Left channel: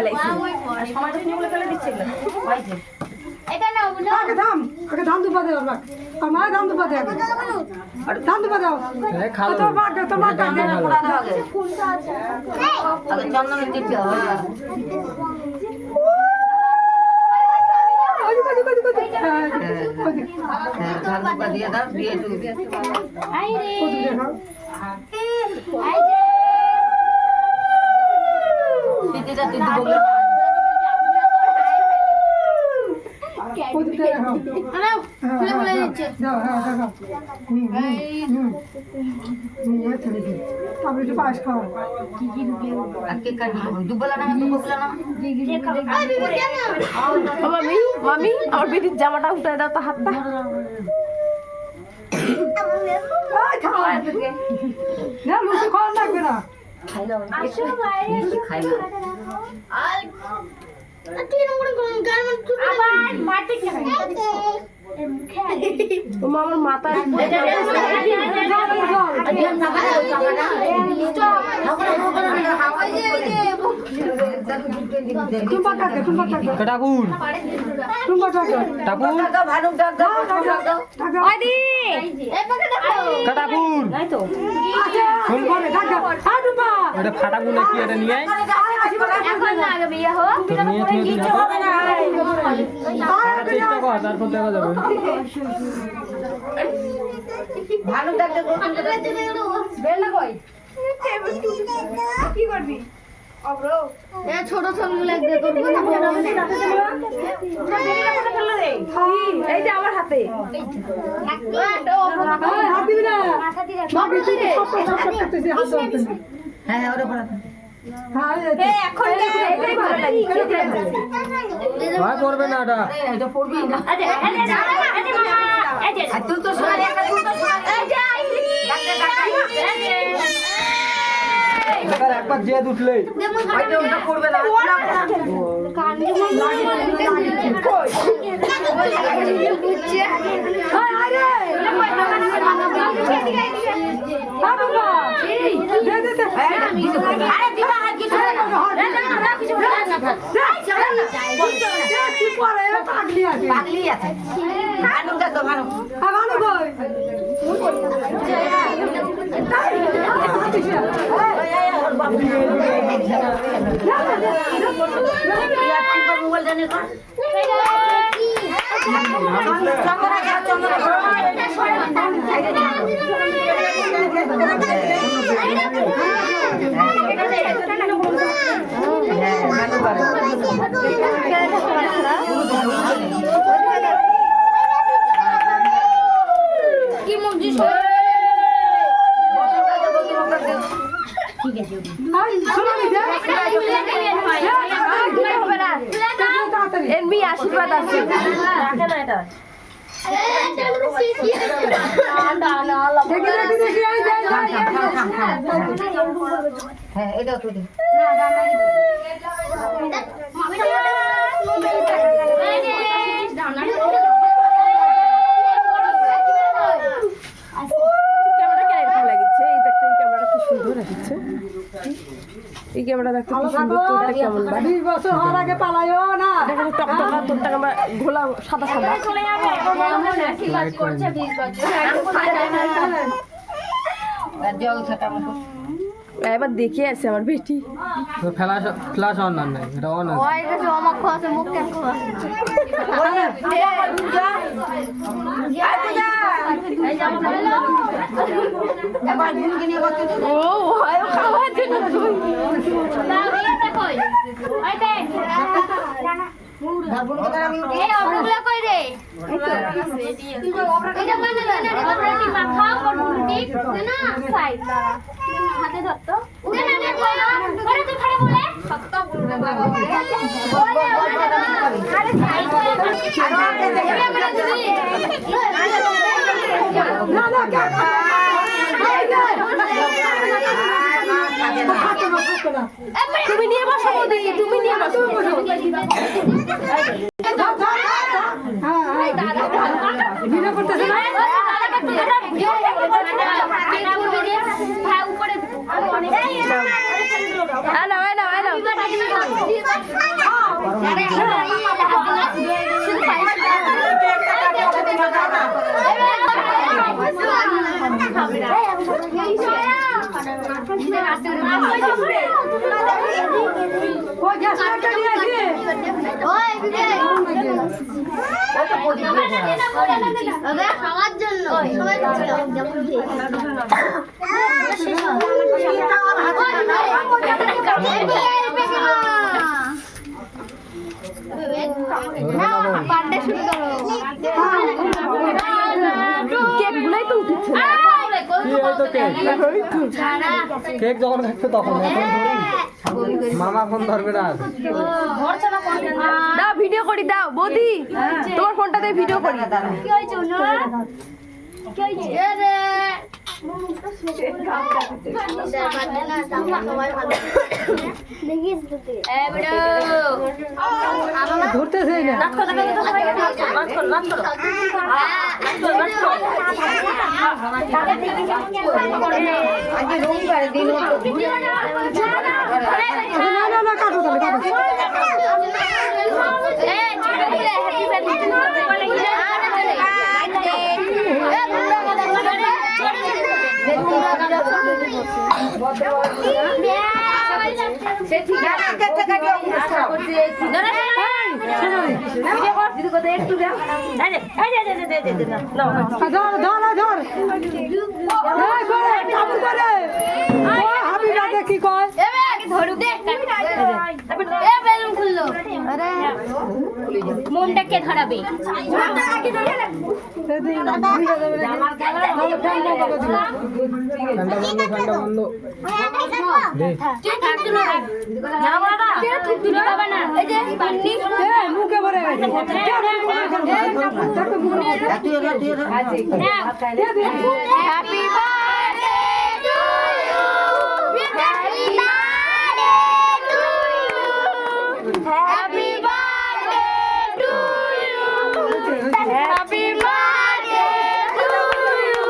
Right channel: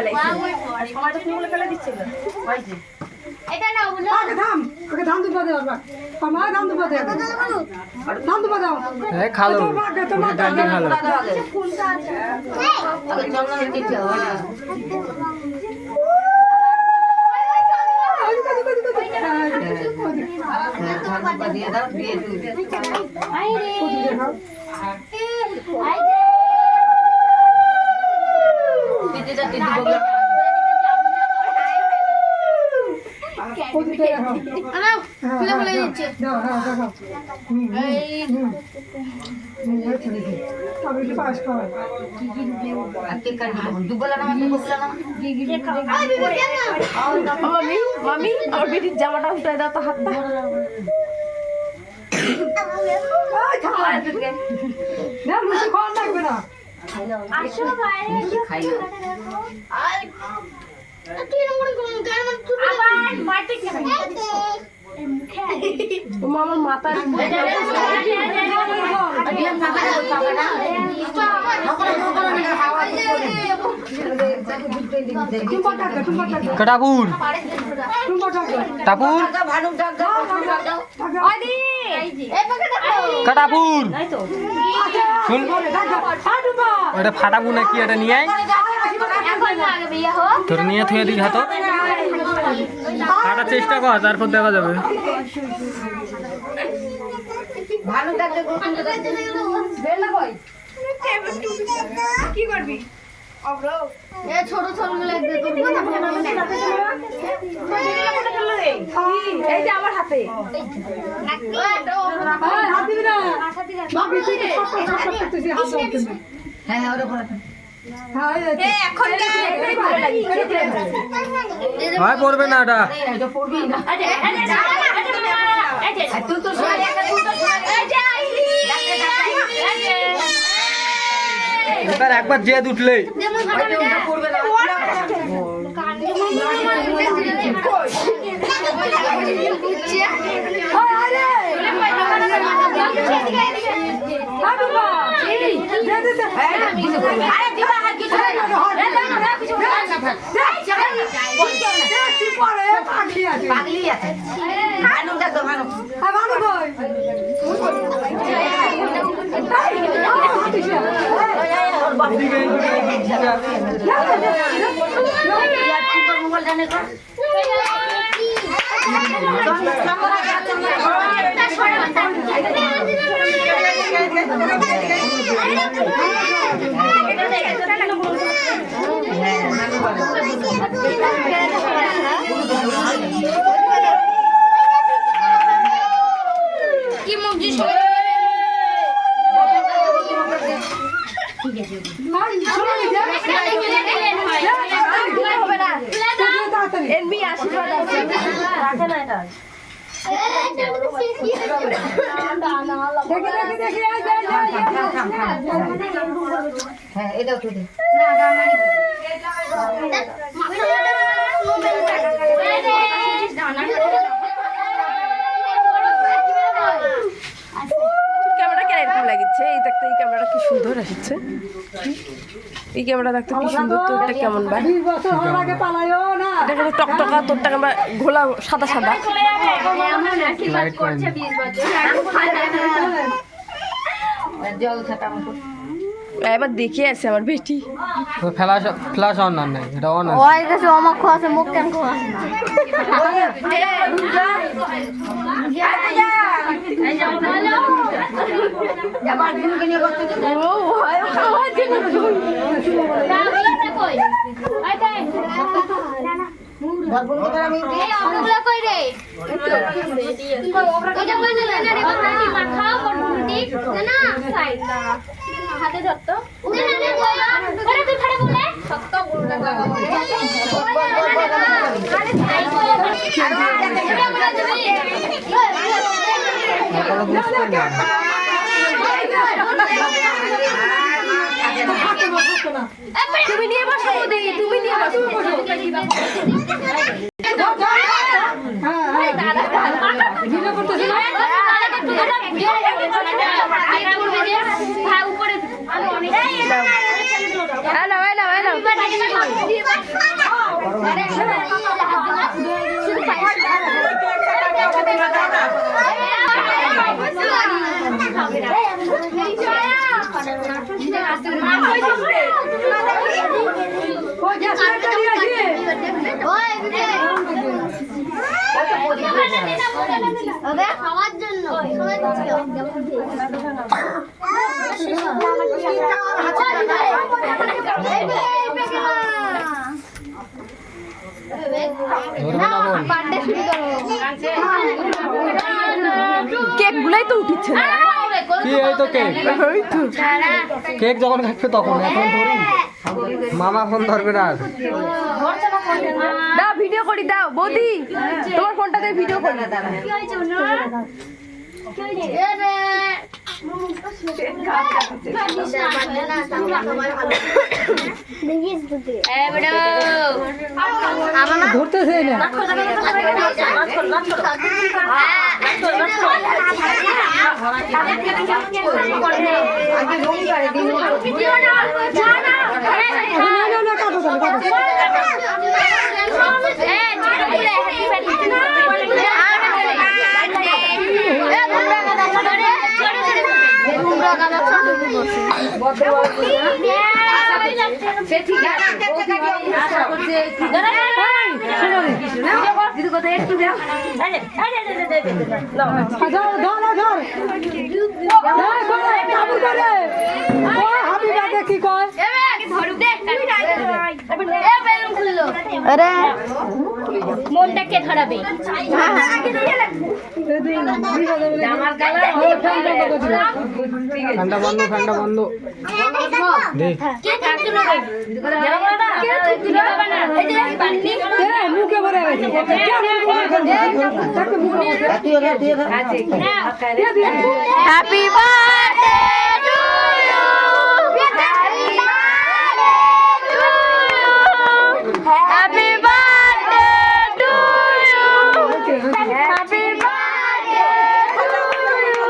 ফেলাইছে আর সমাজে নিয়ে ফেলে দিচ্ছে এটা না বলো আগে ধান ওকে ধান দুপা দাও আমার ধান দুপা দাও ধান দুপা দাও খালো তোমার ধান খালো আগে চন্দন দিতে হবে দিয়ে দাও দিয়ে আই রে আই রে দিদি দিদি বগলা খুলে খুলে দিচ্ছে দাও হ্যাঁ দাও আমি একটু পায়েস খাওয়া আজকে কাজ দুবলা না বগলা না মামি মামি আমার বেটির জামাটা উঠাই দাও তো হাতটা না মুসে খাওয়া লাগবে না আসো বাইরে খাই না আমার মাথার টাপুর টাপুর কাটাপুর শুন ওটা ফাটাবো নাকি এটা নিয়ে তোর নিয়ে থুয়ে দিই হাত ফাটার চেষ্টা কর তারপর দেখা যাবে ভালো থাকবে কি করবি ছোট ছবিগুলো এই যে আমার হাতে হাত দিবি না বাবু তুই তো সব করতেছিস হাত ধরতেছিস হ্যাঁ ওরা পড়া ভাই পড়বে না এটা এটা পড়বি না তুই তো এবার একবার জেদ উঠলে পড়বে না পাগলি আছে ভালো দেখো ভালো ভালো কই মোবাইল জানে তো কি মুখ এমনি আশীর্বাদ আছে হ্যাঁ এটাও তো দে ক্যামেরা কেন এরকম লাগিচ্ছে এই দেখতে এই ক্যামেরা কি সুন্দর আসছে এই ক্যামেরা দেখতে কি সুন্দর তোরটা কেমন ভাই 20 বছর হওয়ার আগে পালায়ও না এটা কিন্তু টকটকা তোরটা ক্যামেরা ঘোলা সাদা সাদা জল ছাটা মুখ এবার দেখে আছে আমার বেটি ফ্ল্যাশ ফ্ল্যাশ অন না নাই এটা অন আছে ওই কাছে অমক খাওয়াছে মুখ কেন খাওয়াছে এই যে বলো আবার গুনকে নিয়ে বসতে ও হয় খাওয়াতে না না এটা কই আই দে দাবুন কে আমি এই অবলা কই রে এটা কই দে না রে বাড়ি মা খাও করবি না সাই হাতে ধরতো না না না কই আরে তুই খাড়া বলে সত্য বলবে তুমি নিয়ে বসো বৌদি তুমি নিয়ে বসো ভিডিও করতেছ না হ্যালো হ্যালো হ্যালো ও গ্যাস লাইটটা নিয়ে আসি খাওয়ার জন্য কেক গুলাই তো উঠিচ্ছে না কি এই তো কেক ওই তো। কেক যখন খাচ্ছে তখন এখন ধরি মামা ফোন ধরবে না আর। দাও ভিডিও করি দাও বৌদি তোমার ফোনটাতে ভিডিও করি ধরতেছে না না না কাটো তাহলে কাটো ধর ধর ধর হাবিবা দেখি কয় মনটাকে ধরাবে ঠান্ডা বন্ধ দে মুখে ভরে গেছে happy birthday to you happy birthday to you happy birthday to you